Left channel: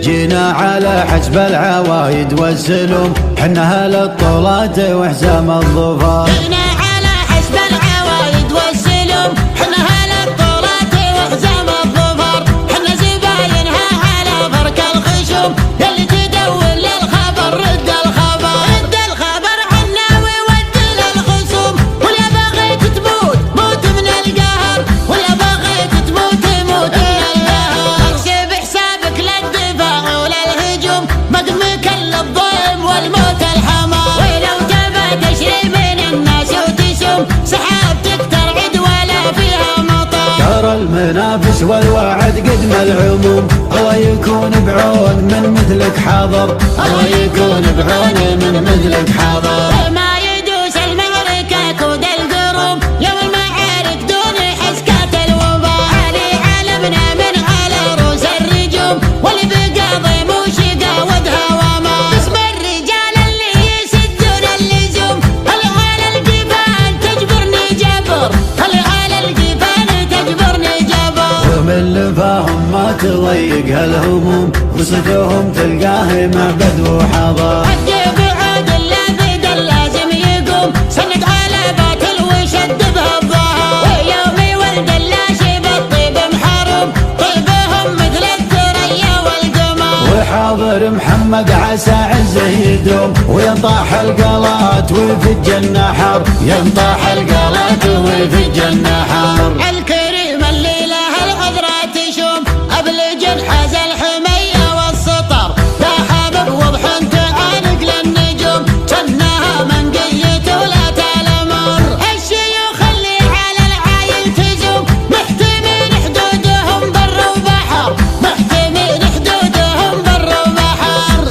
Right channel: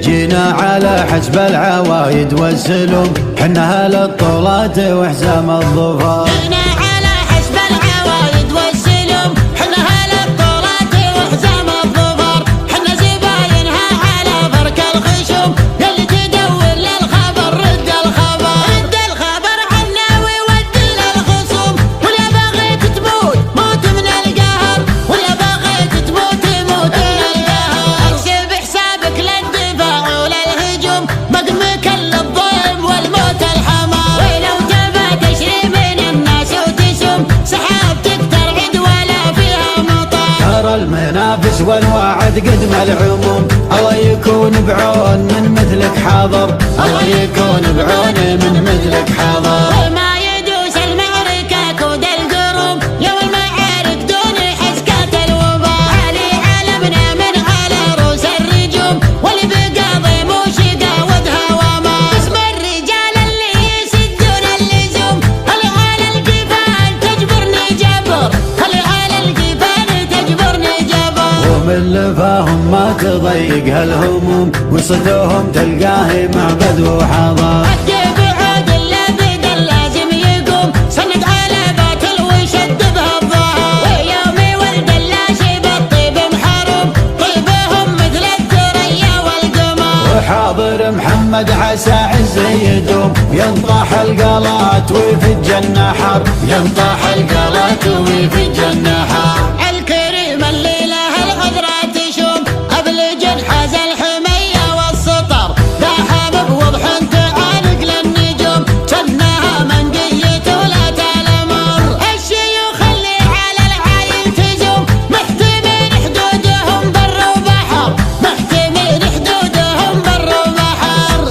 جينا على حسب العوايد والسلم، حنا اهل الطولات وحزام الظفر. جينا على حسب العوايد والسلم، حنا اهل الطولات وحزام الظفر. حنا زباينها على فرك الخشم، يلي تدور للخبر رد الخبر. رد الخبر عنا وود للخصوم، واليا بغيت تموت موت من القهر، واليا بغيت تموت موت من القهر. احسب حسابك للدفاع وللهجوم، مقمك للضيم والموت الحمار. ولو تبى تشري من الناس وتسم، سحابتك ترعد ولا فيها مطر. ترى المنافس والوعد قدم العموم، الله يكون بعون من مثلك حاضر، الله يكون بعون من مثلك حاضر. وما يدوس المعركة كود القروم، يوم المعارك دون حسكات الوباء. علي علمنا من على رؤوس الرجوم، واللي بقاضي موشقة ودها وما. اسم الرجال اللي يسدون اللزوم، اللي على القفال تجبرني جبر، اللي على القفال تجبرني جبر. ومن لفاهم ما تضيق هالهموم، وصدوهم تلقاه معبد وحضر. حق بعود اللابد اللازم يقوم، سند على باطل وشد بها الظهر. ويوم ولد اللاشي بالطيب محروم، طيبهم مثل الثريا والقمر. وحاضر محمد عسى عزه يدوم، وينطاح القلات ويفج النحر، ينطاح القلات ويفج النحر. الكريم اللي له العذرة تشوم، أبلج حاز الحمية والسطر. لا حابب وضح تعانق للنجوم، جنها منقية ولا تلمر. الشيوخ اللي على العايل تزوم، محتمين حدودهم بر وبحر، محتمين حدودهم بر وبحر.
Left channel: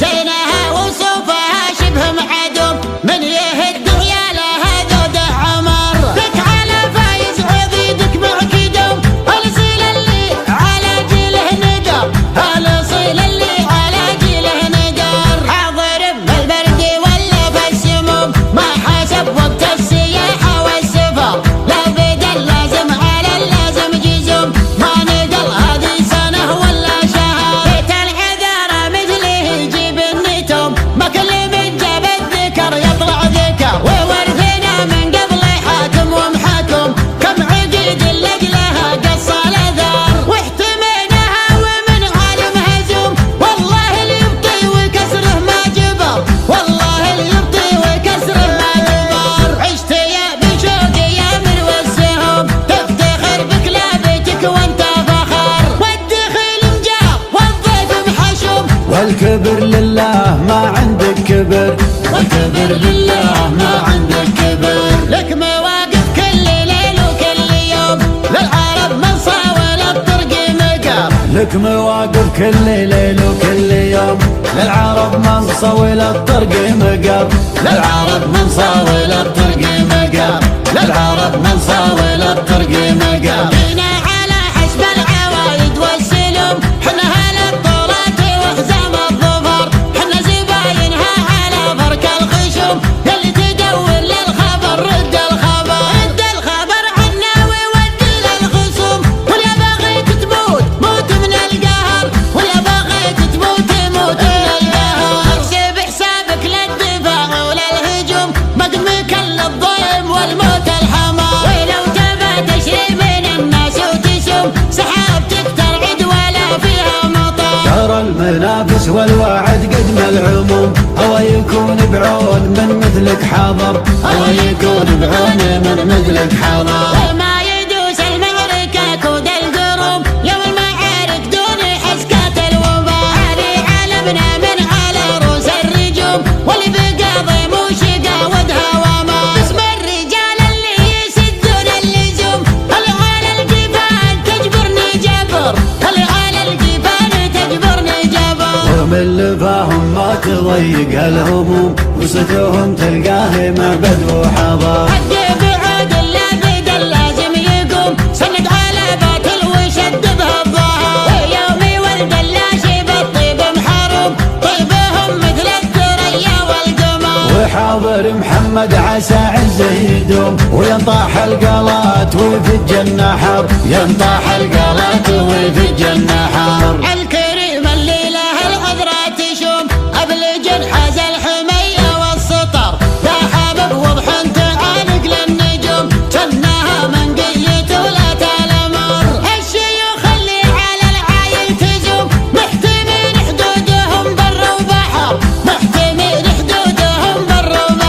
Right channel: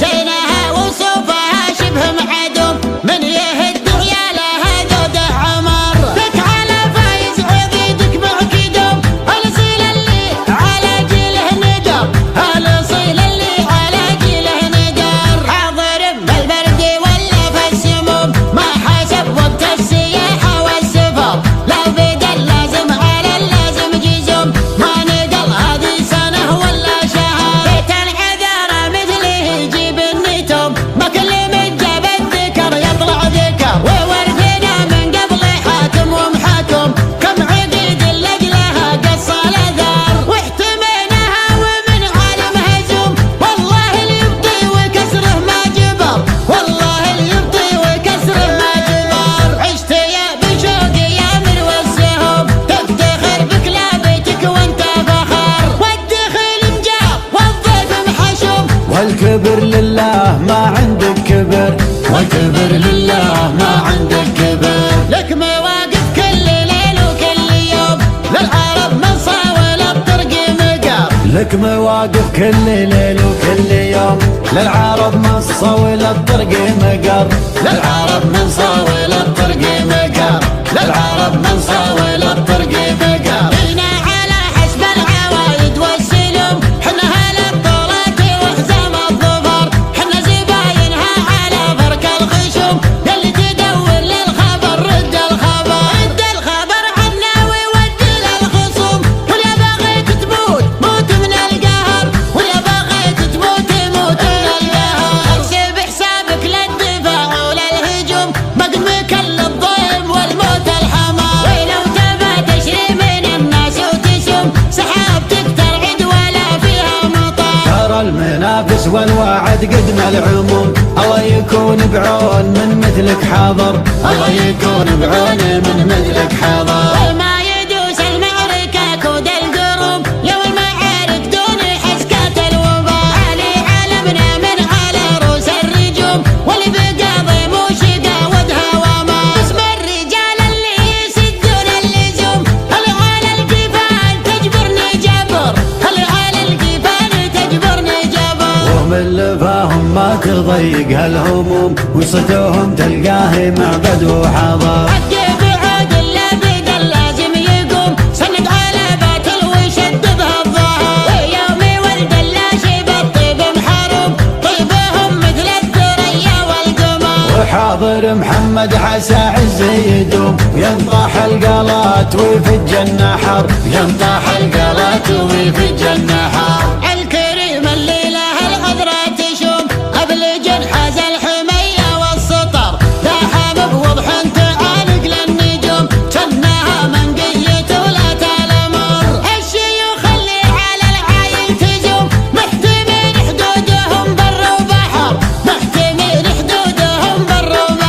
زينها وصوفها شبه معدوم، من يهد عيالها ذود عمر. لك على فايز عضيدك معك دوم، الاصيل اللي على جيله ندر، الاصيل اللي على جيله ندر. حاضر بالبرد ولا في السموم، ما حسب وقت السياحة والسفر. لا بدل لازم على اللازم جزوم، ما نقل هذه سنة ولا شهر. بيت العذارى مثله يجيب النتوم، ما كل من جاب الذكر يطلع ذكر. وورثنا من قبل حاكم ومحاكم، كم عقيد لأجلها قص الأثر. واحتميناها ومن عالم هزوم، والله اللي يبطي وكسره ما جبر، والله اللي يبطي وكسره ما جبر. عشت يا بشوق يا من والسهم، تفتخر بكلابتك وانت فخر. والدخيل مجاب والضيف محشوم، والكبر لله ما عندك كبر، والكبر لله ما عندك كبر. لك مواقف كل ليل وكل يوم، للعرب من صاول الطرق مقر. لك مواقف كل ليل وكل يوم، للعرب من صول الطرق مقر، للعرب من صاول الطرق مقر، للعرب من صاول الطرق مقر. جينا على حسب العوايد والسلم، حنا اهل الطولات وحزام الظفر. حنا زباينها على فرك الخشم، يلي تدور للخبر رد الخبر. رد الخبر عنا وود للخصوم، واليا بغيت تموت موت من القهر، واليا بغيت تموت موت من القهر. احسب حسابك للدفاع وللهجوم، مقمك للضيم والموت الحمار. ولو تبى تشري من الناس وتسم، سحابتك ترعد ولا فيها مطر. ترى المنافس والوعد قدم العموم، الله يكون بعون من مثلك حاضر، الله يكون بعون من مثلك حاضر. وما يدوس المعركة كود القروم، يوم المعارك دون حسكات الوباء. علي علمنا من على رؤوس الرجوم، واللي بقاضي موشقة ودها وما. اسم الرجال اللي يسدون اللزوم، اللي على القفال تجبرني جبر، اللي على القفال تجبرني جبر. ومن لفاهم ما تضيق هالهموم، وصدوهم تلقاه معبد وحضر. حق بعود اللابد اللازم يقوم، سند على باطل وشد بها الظهر. ويوم ولد اللاشي بالطيب محروم، طيبهم مثل الثريا والقمر. وحاضر محمد محمد عسى عز يدوم، وينطاح القلات ويفج النحر، ينطاح القلات ويفج النحر. الكريم اللي له العذرة تشوم، أبلج حاز الحمية والسطر، لاحم بوضح تعالق للنجوم، كنها منقية ولا تلمر. الشيوخ اللي على العايل تزوم، محتمين حدودهم بر وبحر، محتمين حدودهم بر وبحر.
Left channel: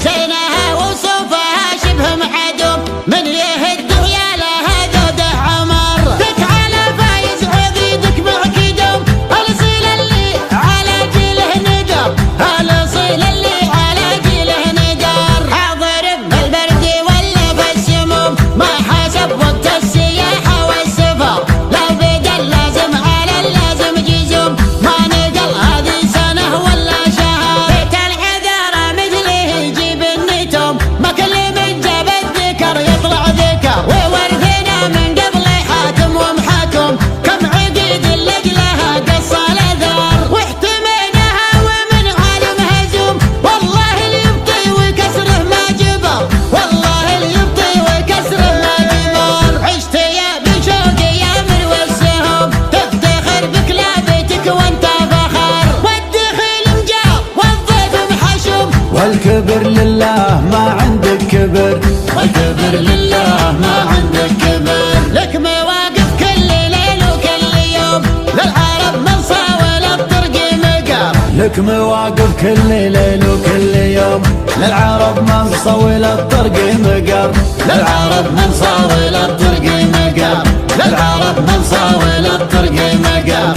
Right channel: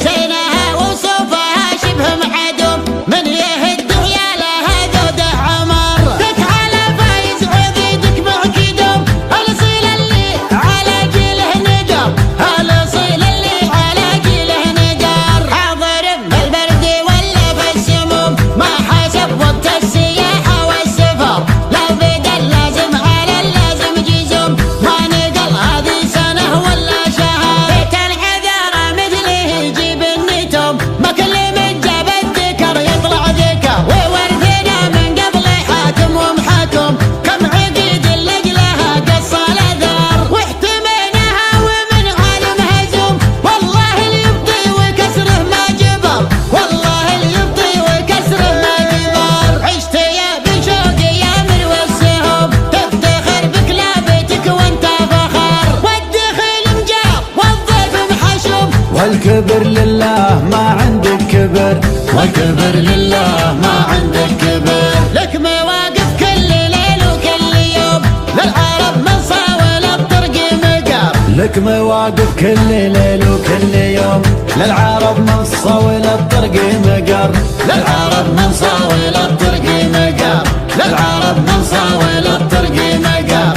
زينها وصوفها شبه معدوم، من يهد عيالها ذوده عمر. دك على فايز عضيدك معك دوم، الاصيل اللي على جيله ندر، الاصيل اللي على جيله ندر. حاضر بالبرد ولا في السموم، ما حسب وقت السياحة والسفر، لا بدل لازم على اللازم جزوم، ما نقل هذه سنة ولا شهر. بيت العذارى مثله يجيب النتوم، ما كل من جاب الذكر يطلع ذكر، وورثنا من قبل حاكم ومحاكم، كم عقيد لجلها قص الاثار. واحتميناها ومن عالم هزوم، والله اللي يبطي وكسره ما جبر، والله اللي يبطي وكسره ما جبر. عشت يا بشوق يا مروى السهوم، تفتخر بكلابتك وانت فخر، والدخيل مجار والضيف محشوم، والكبر لله ما عندك كبر، والكبر لله ما عندك كبر. لك مواقف كل ليل وكل يوم، للعرب من صاول الطرق مقر، لك مواقف كل ليل وكل يوم، للعرب من صول الطرق مقر، للعرب من صاول الطرق مقر، للعرب من صاول الطرق مقر.